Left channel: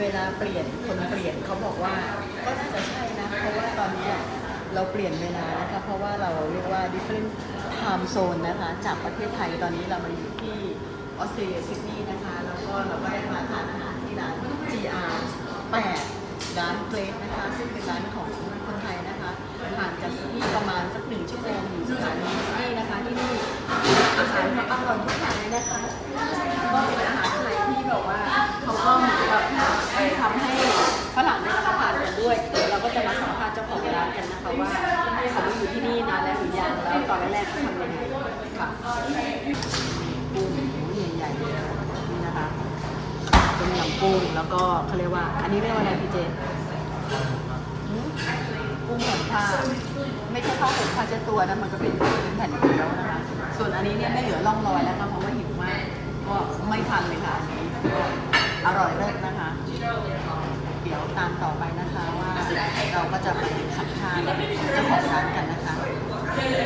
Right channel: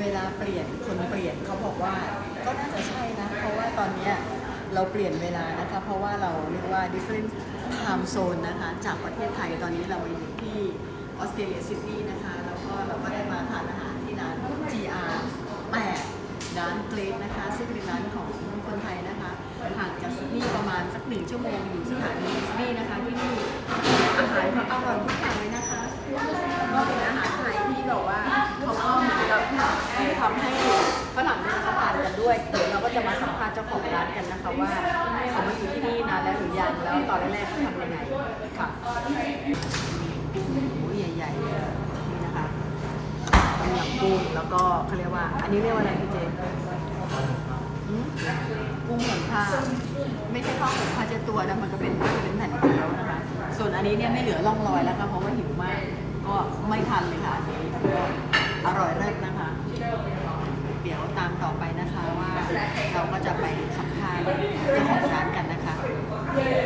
เวลาเปลี่ยนคนเปลี่ยนเขาบอกว่าก็น่าจะใช่นะ เพราะว่าตอนนี้เราเปลี่ยนเวลานะคะเพราะว่าเราเรียกว่า different time zone นะคะจากประเทศไทยตอนนี้เรามาอยู่ที่ออสเตรเลียซิดนีย์นะคะแล้วก็เราก็ได้มาทานอาหารที่ร้าน GR 8ร้านเกรดนะคะ ซึ่งเป็นร้านของคนไทยนะคะห่างจากซิดนีย์ประมาณสักหนึ่งชั่วโมงอยู่สถานีซิดนีย์นะคะที่นี่อาหารเขาอร่อยทุกอย่างเลยนะคะก็ ด้วยเดี๋ยวเราก็จะมาสัมภาษณ์เจ้าของร้านกันนะคะว่าเขามาอยู่ที่นี่นานแล้วหรือยังแล้วตอนแรกๆเขาทำยังไงค่ะกุ้งหมูใหญ่ๆเลยนี่นะคะต้มยำกุ้งแล้วก็เขาเรียกว่า อันนี้เรียกว่าอะไรพี่เจนหืมกุ้งแผ่นผ้าไม่ใช่ข้าวผงผ้าเช็ดตัวนะมันก็เป็นเป็นแผ่นเกี๊ยวนะคะ ส่วนอันนี้เนี่ยไม่เหลือร่องรอยแล้วค่ะเพราะว่าหิวมาก ก็ไม่ทันเลยค่ะอันนี้ก็อร่อยเลิศนะคะ เดี๋ยวตามต่อไปนะคะว่า เราก็จะไปสัมภาษณ์เจ้าของร้าน